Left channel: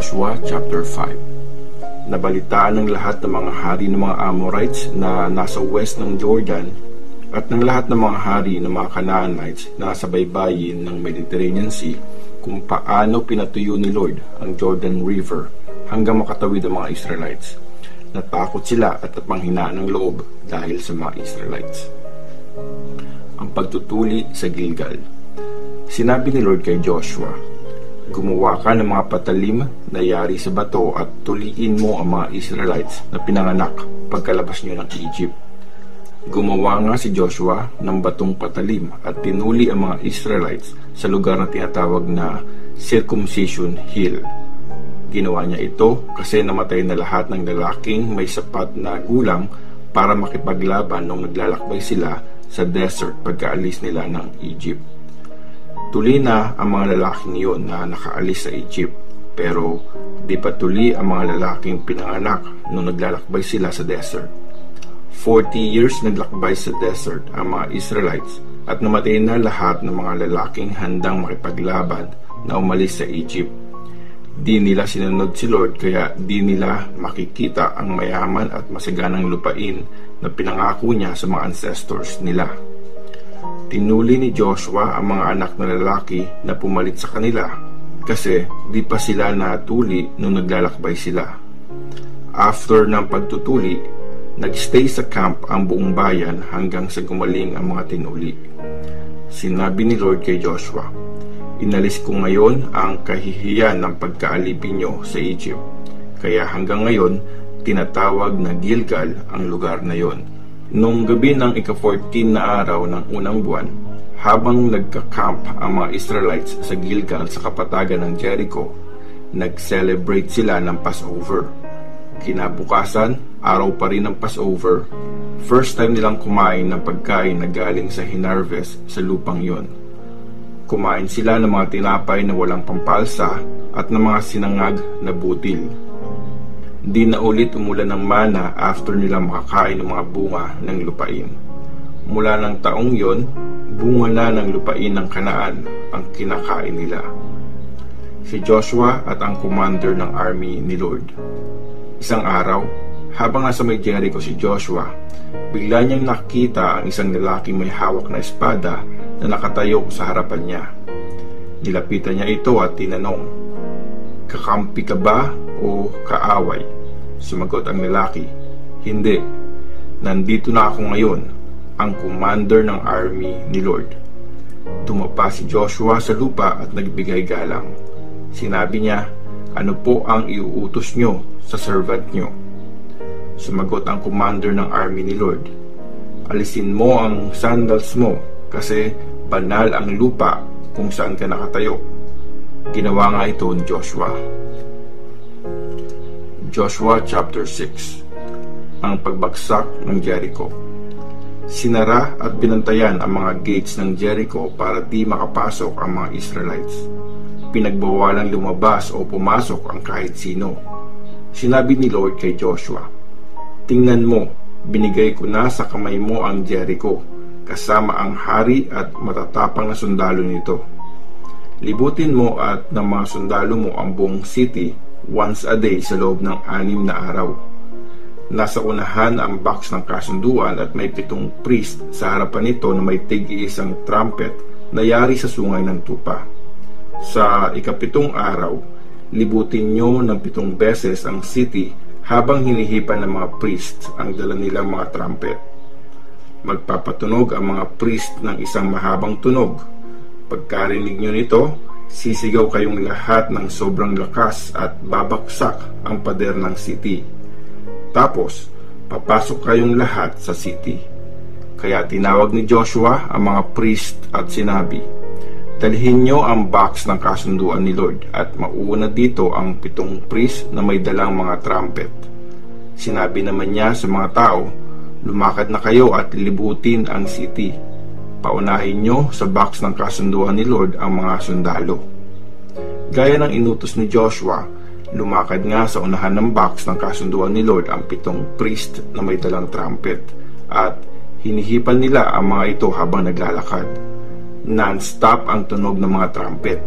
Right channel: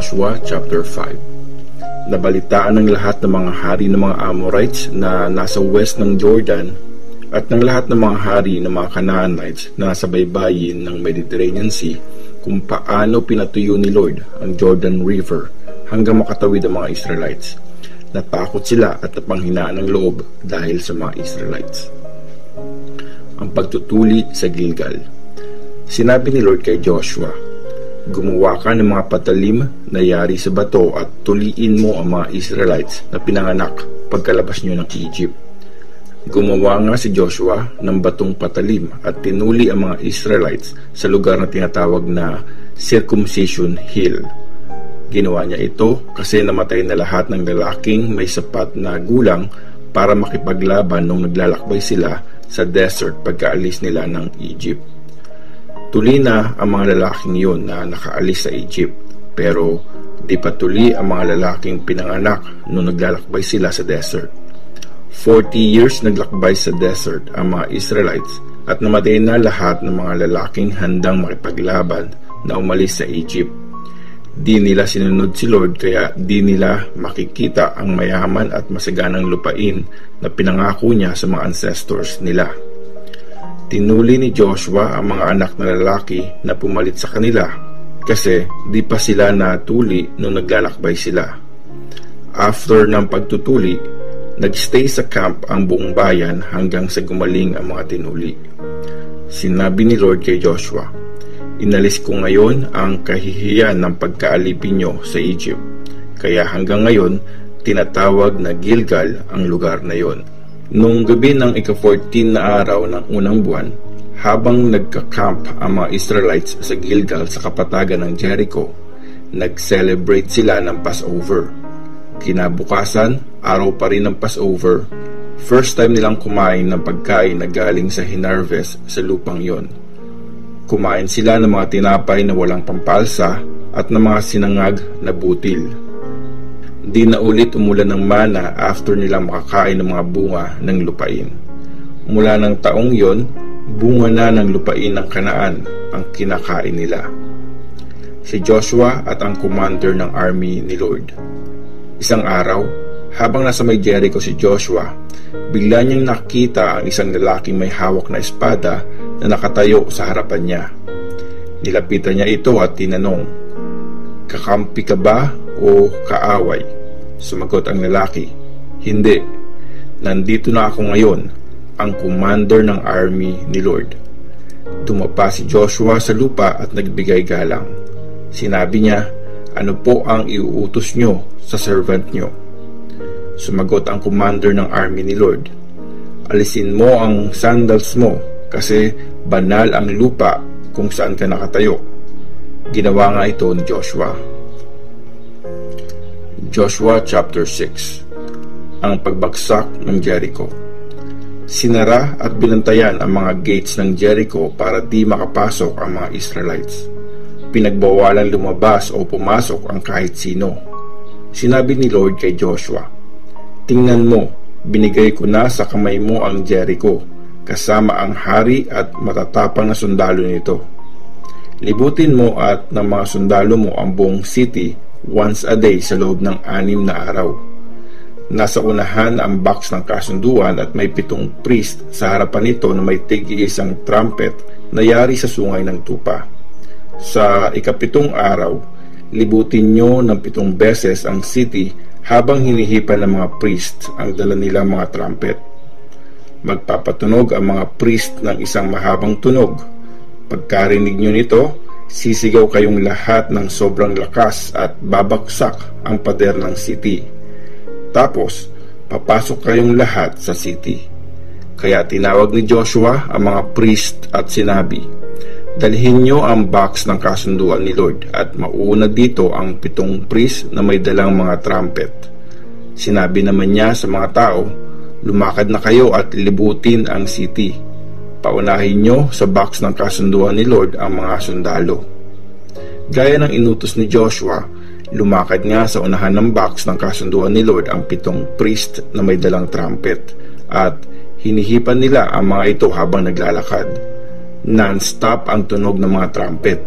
Joshua chapter 5. Nabalitaan ng lahat ng mga hari ng mga Amorites na nasa west ng Jordan at ng lahat ng mga hari ng mga Canaanites na nasa baybayin ng Mediterranean Sea kung paano pinatuyo ni Lord ang Jordan River hanggang makatawid ang mga Israelites. Natakot sila at napanghinaan ng loob dahil sa mga Israelites. Ang pagtutuli sa Gilgal. Sinabi ni Lord kay Joshua, gumawa ka ng mga patalim na yari sa bato at tuliin mo ang mga Israelites na pinanganak pagkalabas nyo ng Egypt. Gumawa nga si Joshua ng batong patalim at tinuli ang mga Israelites sa lugar na tinatawag na Circumcision Hill. Ginawa niya ito kasi namatay na lahat ng lalaking may sapat na gulang para makipaglaban nung naglalakbay sila sa desert pagkaalis nila ng Egypt. Tuli na ang mga lalaking iyon na nakaalis sa Egypt, pero di pa tuli ang mga lalaking pinanganak nung naglalakbay sila sa desert. 40 years naglakbay sa desert ang mga Israelites at namatay na lahat ng mga lalaking handang makipaglaban na umalis sa Egypt. Di nila sinunod si Lord kaya di nila makikita ang mayaman at masaganang lupain na pinangako niya sa mga ancestors nila. Tinuli ni Joshua ang mga anak na lalaki na pumalit sa kanila kasi di pa sila natuli nung naglalakbay sila. After ng pagtutuli, nagstay sa camp ang buong bayan hanggang sa gumaling ang mga tinuli. Sinabi ni Lord kay Joshua, inalis ko ngayon ang kahihiyan ng pagkaalipin nyo sa Egypt. Kaya hanggang ngayon, tinatawag na Gilgal ang lugar na yon. Nung gabi ng ika-14 na araw ng unang buwan, habang nagka-camp ang mga Israelites sa Gilgal sa kapatagan ng Jericho, nag-celebrate sila ng Passover. Kinabukasan, araw pa rin ng Passover. First time nilang kumain ng pagkain na galing sa hinarvest sa lupang yon. Kumain sila ng mga tinapay na walang pampalsa at ng mga sinangag na butil. Di na ulit umulan ng mana after nila makakain ng mga bunga ng lupain. Mula ng taong yon, bunga na ng lupain ng Kanaan ang kinakain nila. Si Joshua at ang commander ng army ni Lord. Isang araw, habang nasa may Jericho si Joshua, bigla niyang nakita ang isang lalaking may hawak na espada na nakatayo sa harapan niya. Nilapitan niya ito at tinanong, kakampi ka ba o kaaway? Sumagot ang lalaki, hindi. Nandito na ako ngayon, ang commander ng army ni Lord. Tumapa si Joshua sa lupa at nagbigay galang. Sinabi niya, ano po ang iuutos nyo sa servant nyo? Sumagot ang commander ng army ni Lord, alisin mo ang sandals mo kasi banal ang lupa kung saan ka nakatayo. Ginawa nga ito ni Joshua. Joshua chapter 6. Ang pagbagsak ng Jericho. Sinara at binantayan ang mga gates ng Jericho para di makapasok ang mga Israelites. Pinagbawalan lumabas o pumasok ang kahit sino. Sinabi ni Lord kay Joshua, tingnan mo, binigay ko na sa kamay mo ang Jericho, kasama ang hari at matatapang na sundalo nito. Libutin mo at ng mga sundalo mo ang buong city once a day sa loob ng 6 na araw. Nasa unahan ang box ng kasunduan at may 7 priest sa harapan nito na may tig-iisang trumpet na yari sa sungay ng tupa. Sa ika-7 araw, libutin nyo ng 7 beses ang city habang hinihipan ng mga priest ang dala nilang mga trumpet. Magpapatunog ang mga priest ng isang mahabang tunog. Pagkarinig nyo nito, sisigaw kayong lahat ng sobrang lakas at babaksak ang pader ng city. Tapos, papasok kayong lahat sa city. Kaya tinawag ni Joshua ang mga priest at sinabi, dalhin nyo ang box ng kasunduan ni Lord at mauuna dito ang 7 priest na may dalang mga trumpet. Sinabi naman niya sa mga tao, lumakad na kayo at libutin ang city. Paunahin nyo sa box ng kasunduan ni Lord ang mga sundalo. Gaya ng inutos ni Joshua, lumakad nga sa unahan ng box ng kasunduan ni Lord ang 7 priest na may dalang trumpet at hinihipan nila ang mga ito habang naglalakad. Non-stop ang tunog ng mga trumpet.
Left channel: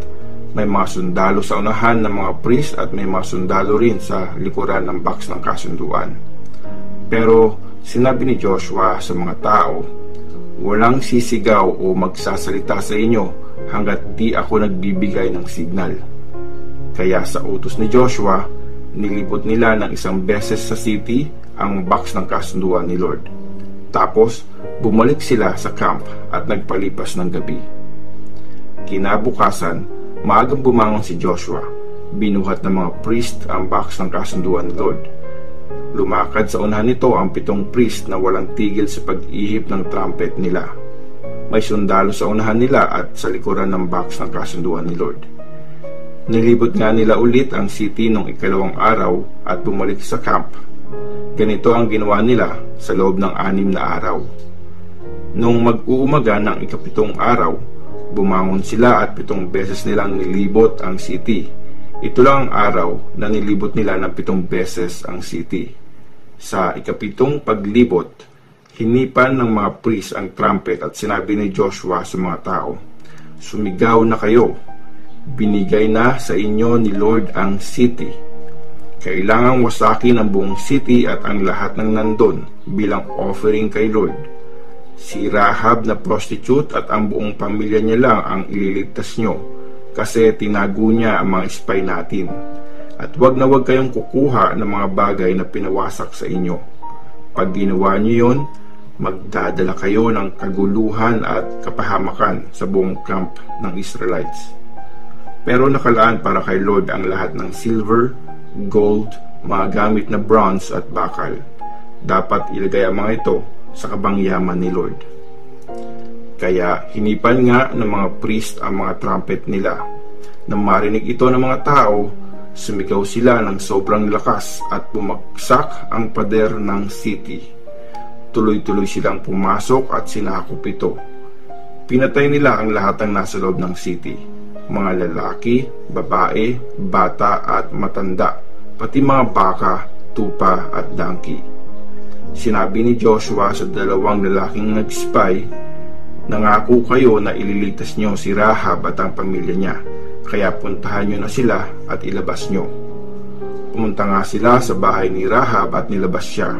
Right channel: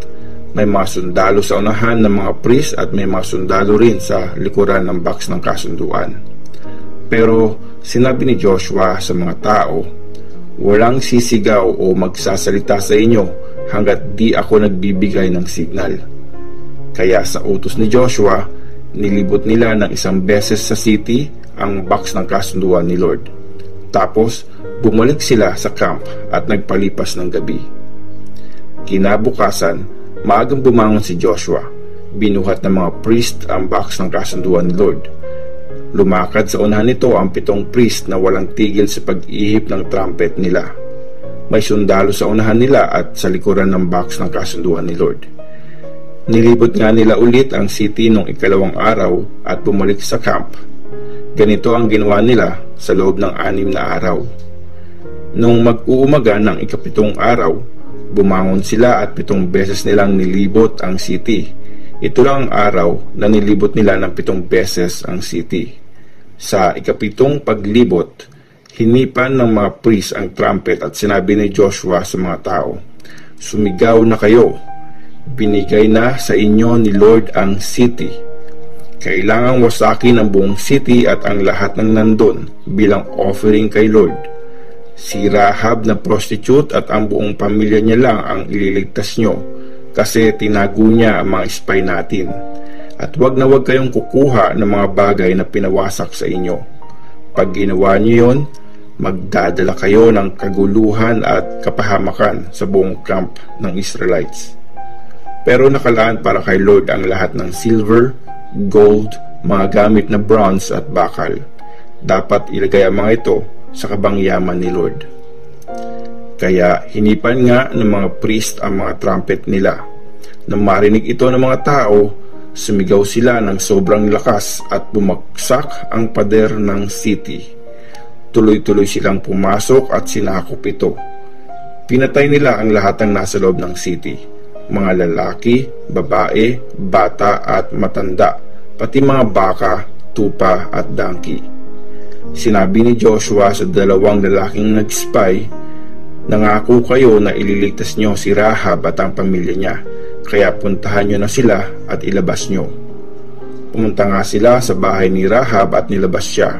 May mga sundalo sa unahan ng mga priest at may mga sundalo rin sa likuran ng box ng kasunduan. Pero sinabi ni Joshua sa mga tao, walang sisigaw o magsasalita sa inyo hanggat di ako nagbibigay ng signal. Kaya sa utos ni Joshua, nilibot nila ng isang beses sa city ang box ng kasunduan ni Lord. Tapos bumalik sila sa camp at nagpalipas ng gabi. Kinabukasan, maagang bumangon si Joshua. Binuhat ng mga priest ang box ng kasunduan ni Lord. Lumakad sa unahan nito ang 7 priest na walang tigil sa pag-ihip ng trumpet nila. May sundalo sa unahan nila at sa likuran ng box ng kasunduan ni Lord. Nilibot nga nila ulit ang city nung ikalawang araw at bumalik sa camp. Ganito ang ginawa nila sa loob ng 6 na araw. Nung mag-uumaga ng ika-7 araw, bumangon sila at 7 beses nilang nilibot ang city. Ito lang ang araw na nilibot nila ng 7 beses ang city. Sa ika-7 paglibot, hinipan ng mga priest ang trumpet at sinabi ni Joshua sa mga tao, sumigaw na kayo, binigay na sa inyo ni Lord ang city. Kailangang wasakin ang buong city at ang lahat ng nandun bilang offering kay Lord. Si Rahab na prostitute at ang buong pamilya niya lang ang ililigtas nyo kasi tinago niya ang mga spy natin. At wag na wag kayong kukuha ng mga bagay na pinawasak sa inyo. Pag ginawa niyo yon, magdadala kayo ng kaguluhan at kapahamakan sa buong camp ng Israelites. Pero nakalaan para kay Lord ang lahat ng silver, gold, mga gamit na bronze at bakal. Dapat ilagay ang mga ito sa kabangyaman ni Lord. Kaya hinipan nga ng mga priest ang mga trumpet nila. Nang marinig ito ng mga tao, sumigaw sila ng sobrang lakas at bumagsak ang pader ng city. Tuloy-tuloy silang pumasok at sinakop ito. Pinatay nila ang lahat ng nasa loob ng city, mga lalaki, babae, bata at matanda, pati mga baka, tupa at donkey. Sinabi ni Joshua sa 2 lalaking nag-spy, nangako kayo na ililigtas nyo si Rahab at ang pamilya niya, kaya puntahan nyo na sila at ilabas nyo. Pumunta nga sila sa bahay ni Rahab at nilabas siya,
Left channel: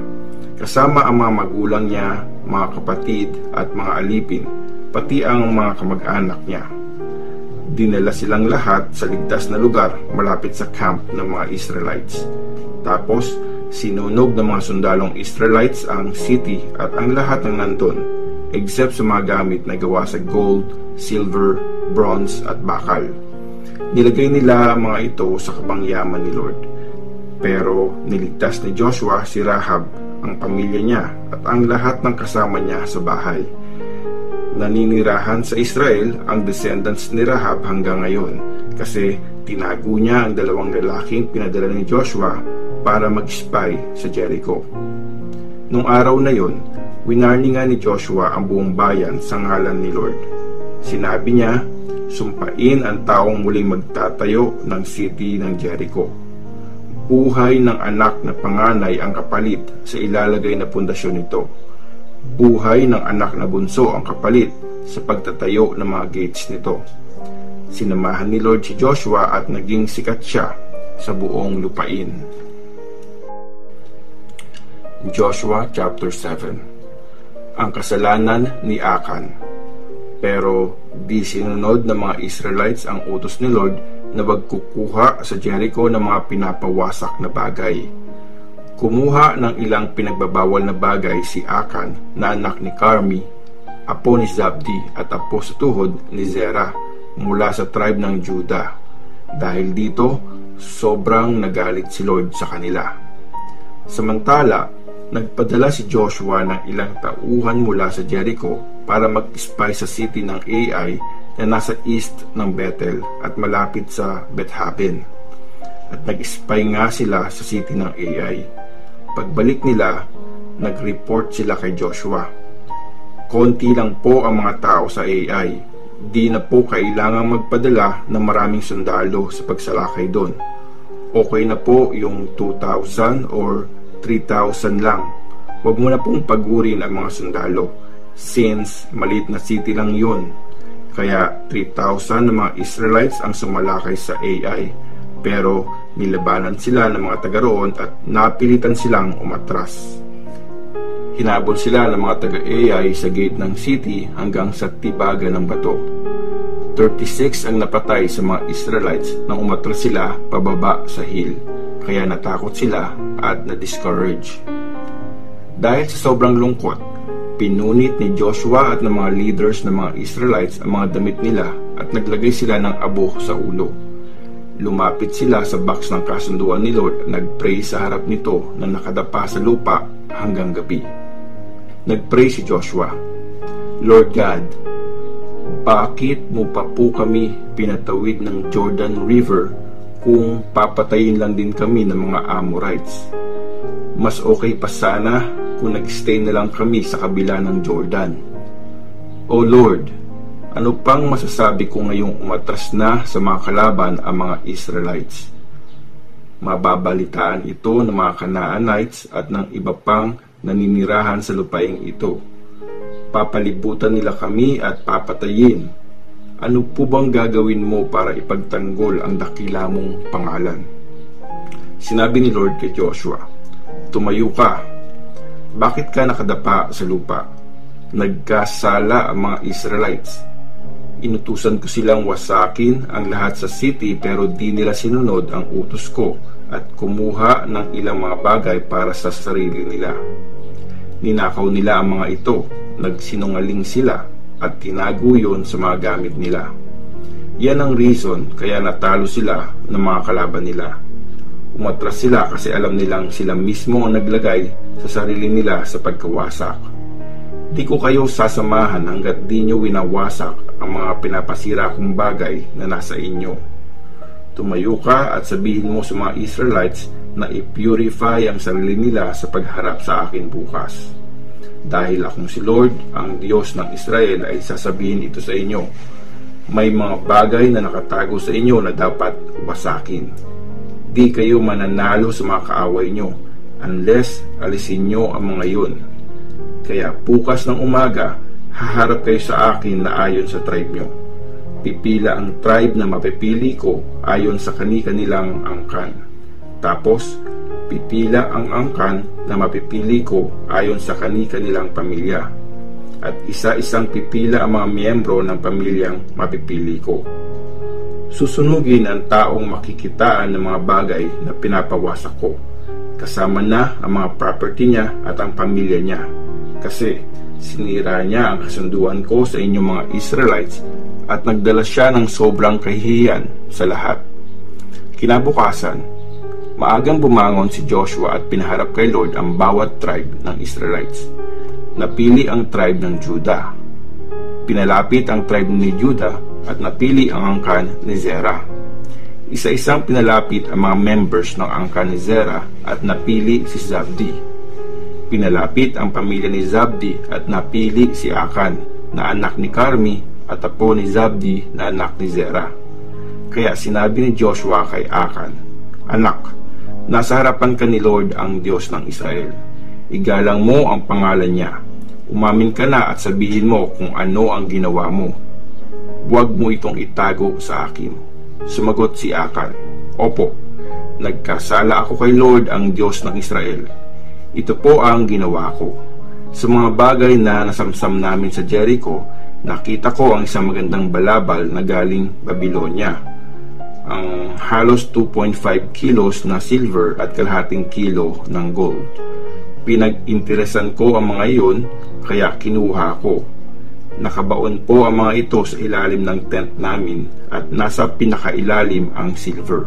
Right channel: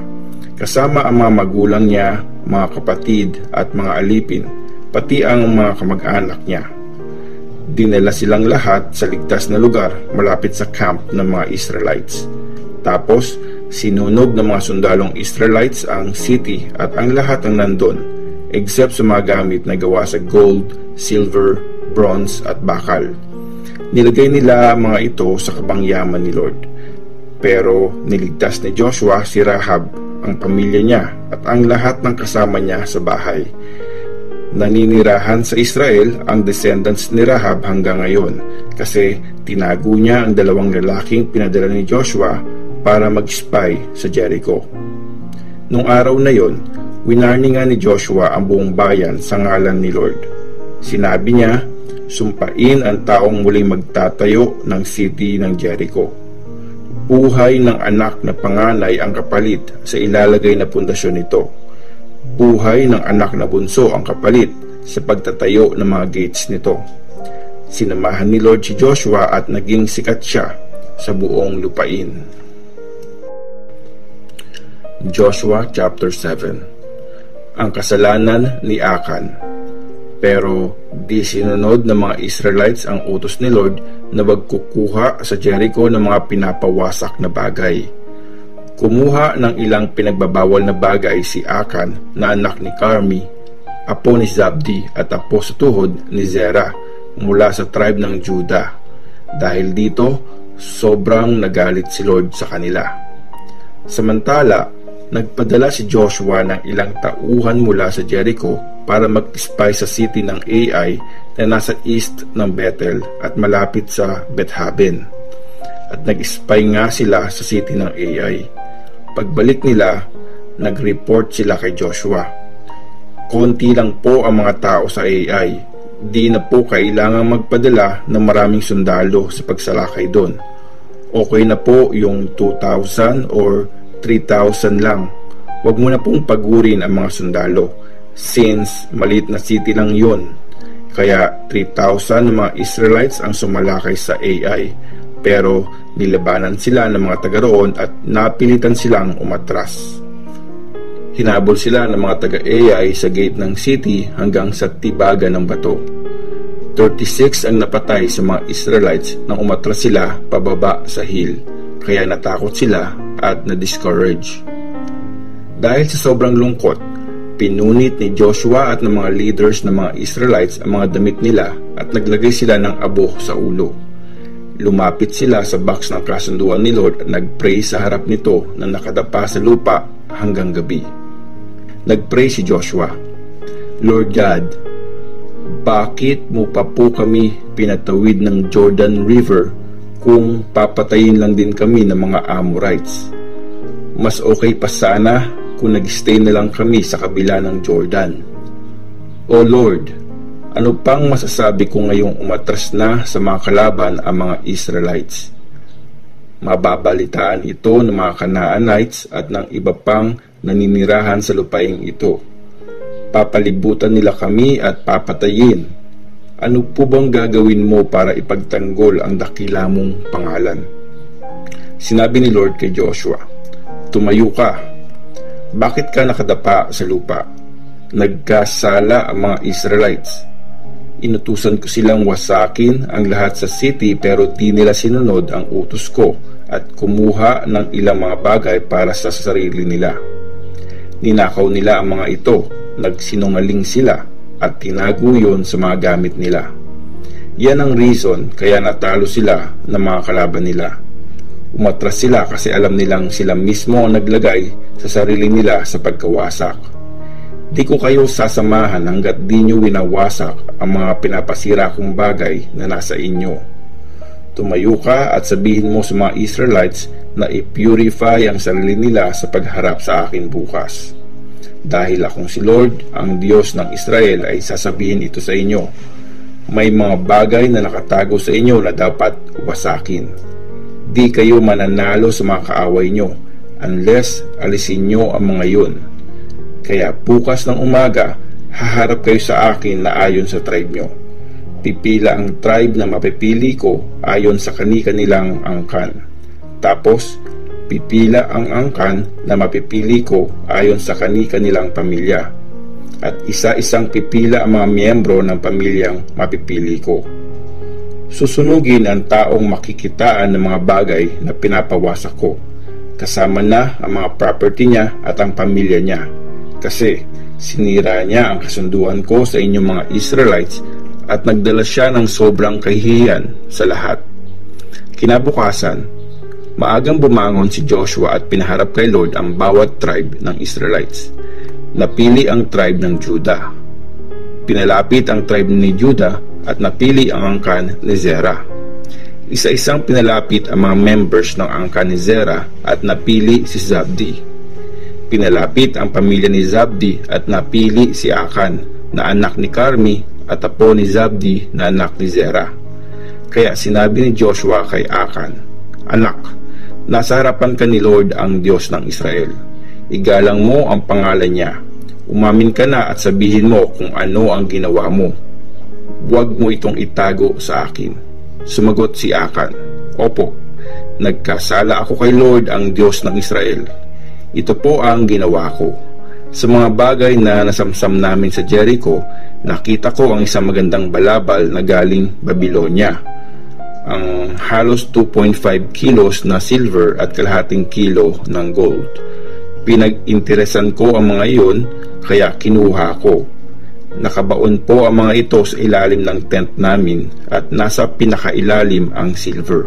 kasama ang mga magulang niya, mga kapatid at mga alipin, pati ang mga kamag-anak niya. Dinala silang lahat sa ligtas na lugar malapit sa camp ng mga Israelites. Tapos sinunog ng mga sundalong Israelites ang city at ang lahat ng nandun, except sa mga gamit na gawa sa gold, silver, bronze at bakal. Nilagay nila mga ito sa kabangyaman ni Lord. Pero niligtas ni Joshua si Rahab, ang pamilya niya at ang lahat ng kasama niya sa bahay. Naninirahan sa Israel ang descendants ni Rahab hanggang ngayon kasi tinago niya ang 2 lalaking pinadala ni Joshua para mag-spy sa Jericho. Nung araw na yon, winarning nga ni Joshua ang buong bayan sa ngalan ni Lord. Sinabi niya, sumpain ang taong muling magtatayo ng city ng Jericho. Buhay ng anak na panganay ang kapalit sa ilalagay na pundasyon nito. Buhay ng anak na bunso ang kapalit sa pagtatayo ng mga gates nito. Sinamahan ni Lord si Joshua at naging sikat siya sa buong lupain. Joshua chapter 7. Ang kasalanan ni Akan. Pero di sinunod ng mga Israelites ang utos ni Lord na magkukuha sa Jericho ng mga pinapawasak na bagay. Kumuha ng ilang pinagbabawal na bagay si Akan na anak ni Carmi, apo ni Zabdi at apo sa tuhod ni Zerah mula sa tribe ng Judah. Dahil dito, sobrang nagalit si Lord sa kanila. Samantala, nagpadala si Joshua ng ilang tauhan mula sa Jericho para mag-spy sa city ng Ai na nasa east ng Bethel at malapit sa Bethaben. At nag-spy nga sila sa city ng Ai. Pagbalik nila, nag-report sila kay Joshua. Konti lang po ang mga tao sa Ai. Di na po kailangang magpadala ng maraming sundalo sa pagsalakay doon. Okay na po yung 2,000 or 3,000 lang. Huwag mo na pong pagurin ang mga sundalo since maliit na city lang yon. Kaya 3,000 ng mga Israelites ang sumalakay sa Ai, pero nilabanan sila ng mga taga roon at napilitan silang umatras. Hinabol sila ng mga taga Ai sa gate ng city hanggang sa tibagan ng bato. 36 ang napatay sa mga Israelites nang umatras sila pababa sa hill, kaya natakot sila at na-discourage. Dahil sa sobrang lungkot, pinunit ni Joshua at ng mga leaders ng mga Israelites ang mga damit nila at naglagay sila ng abo sa ulo. Lumapit sila sa box ng kasunduan ni Lord at nagpray sa harap nito na nakadapa sa lupa hanggang gabi. Nagpray si Joshua, Lord God, bakit mo pa po kami pinatawid ng Jordan River kung papatayin lang din kami ng mga Amorites? Mas okay pa sana kung nag-stay na lang kami sa kabila ng Jordan. O Lord, ano pang masasabi ko ngayong umatras na sa mga kalaban ang mga Israelites? Mababalitaan ito ng mga Canaanites at ng iba pang naninirahan sa lupaing ito. Papalibutan nila kami at papatayin. Ano po bang gagawin mo para ipagtanggol ang dakila mong pangalan? Sinabi ni Lord kay Joshua, tumayo ka. Bakit ka nakadapa sa lupa? Nagkasala ang mga Israelites. Inutusan ko silang wasakin ang lahat sa city pero di nila sinunod ang utos ko at kumuha ng ilang mga bagay para sa sarili nila. Ninakaw nila ang mga ito, nagsinungaling sila at tinago yun sa mga gamit nila. Yan ang reason kaya natalo sila ng mga kalaban nila. Umatras sila kasi alam nilang sila mismo ang naglagay sa sarili nila sa pagkawasak. Di ko kayo sasamahan hanggat di nyo winawasak ang mga pinapasira kong bagay na nasa inyo. Tumayo ka at sabihin mo sa mga Israelites na i-purify ang sarili nila sa pagharap sa akin bukas. Dahil akong si Lord, ang Diyos ng Israel, ay sasabihin ito sa inyo. May mga bagay na nakatago sa inyo na dapat wasakin. Di kayo mananalo sa mga kaaway nyo unless alisin nyo ang mga yun. Kaya bukas ng umaga, haharap kayo sa akin na ayon sa tribe nyo. Pipila ang tribe na mapipili ko ayon sa kani-kanilang angkan. Tapos, pipila ang angkan na mapipili ko ayon sa kani-kanilang pamilya. At isa-isang pipila ang mga miyembro ng pamilyang mapipili ko. Susunugin ang taong makikitaan ng mga bagay na pinapawasak ko, kasama na ang mga property niya at ang pamilya niya, kasi sinira niya ang kasunduan ko sa inyong mga Israelites at nagdala siya ng sobrang kahihiyan sa lahat. Kinabukasan, maagang bumangon si Joshua at pinaharap kay Lord ang bawat tribe ng Israelites. Napili ang tribe ng Judah. Pinalapit ang tribe ni Judah at napili ang angkan ni Zerah. Isa-isang pinalapit ang mga members ng angkan ni Zerah at napili si Zabdi. Pinalapit ang pamilya ni Zabdi at napili si Akan na anak ni Carmi at apo ni Zabdi na anak ni Zerah. Kaya sinabi ni Joshua kay Akan, Anak, nasa harapan ka ni Lord ang Diyos ng Israel. Igalang mo ang pangalan niya. Umamin ka na at sabihin mo kung ano ang ginawa mo. Huwag mo itong itago sa akin. Sumagot si Akan, Opo, nagkasala ako kay Lord ang Diyos ng Israel. Ito po ang ginawa ko. Sa mga bagay na nasamsam namin sa Jericho, nakita ko ang isang magandang balabal na galing Babylonia. Ang halos 2.5 kilos na silver at kalahating kilo ng gold. Pinag-interesan ko ang mga iyon, kaya kinuha ko. Nakabaon po ang mga ito sa ilalim ng tent namin at nasa pinakailalim ang silver.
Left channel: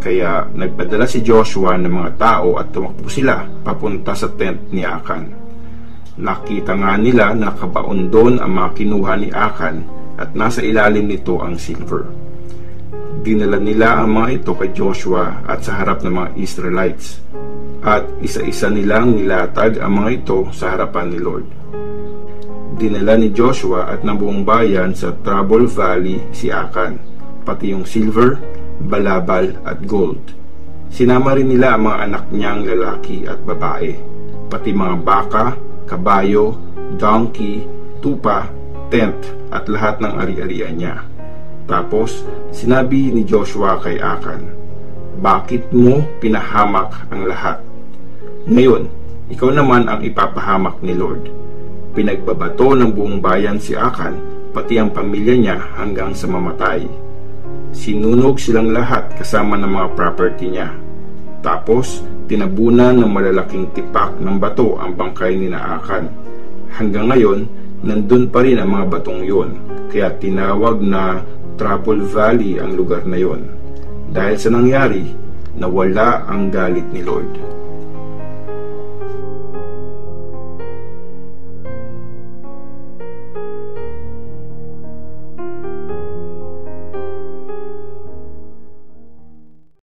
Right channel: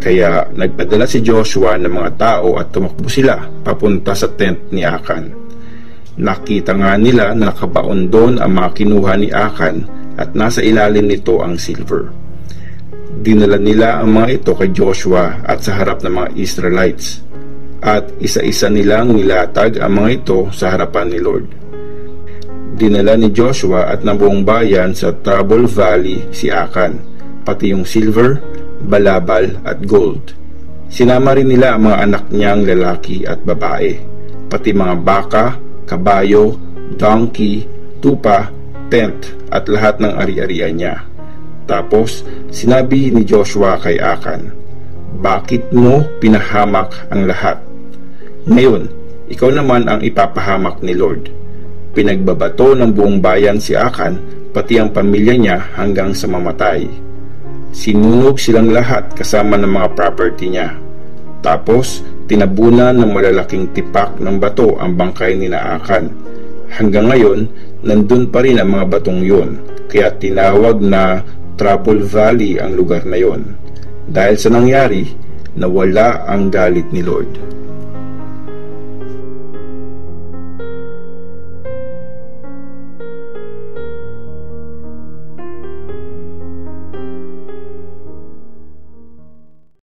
Kaya nagpadala si Joshua ng mga tao at tumakbo sila papunta sa tent ni Akan. Nakita nga nila na nakabaon doon ang mga kinuha ni Akan at nasa ilalim nito ang silver. Dinala nila ang mga ito kay Joshua at sa harap ng mga Israelites. At isa-isa nilang nilatag ang mga ito sa harapan ni Lord. Dinala ni Joshua at ng buong bayan sa Tabor Valley si Akan, pati yung silver, balabal at gold. Sinama rin nila ang mga anak niyang lalaki at babae, pati mga baka, kabayo, donkey, tupa tent at lahat ng ari-arian niya. Tapos sinabi ni Joshua kay Akan, "Bakit mo pinahamak ang lahat? Ngayon, ikaw naman ang ipapahamak ni Lord." Pinagbabato ng buong bayan si Akan, pati ang pamilya niya hanggang sa mamatay. Sinunog silang lahat kasama ng mga property niya. Tapos tinabunan ng malalaking tipak ng bato ang bangkay ni Akan. Hanggang ngayon, nandun pa rin ang mga batong yun, kaya tinawag na Trouble Valley ang lugar na yon. Dahil sa nangyari, nawala ang galit ni Lord.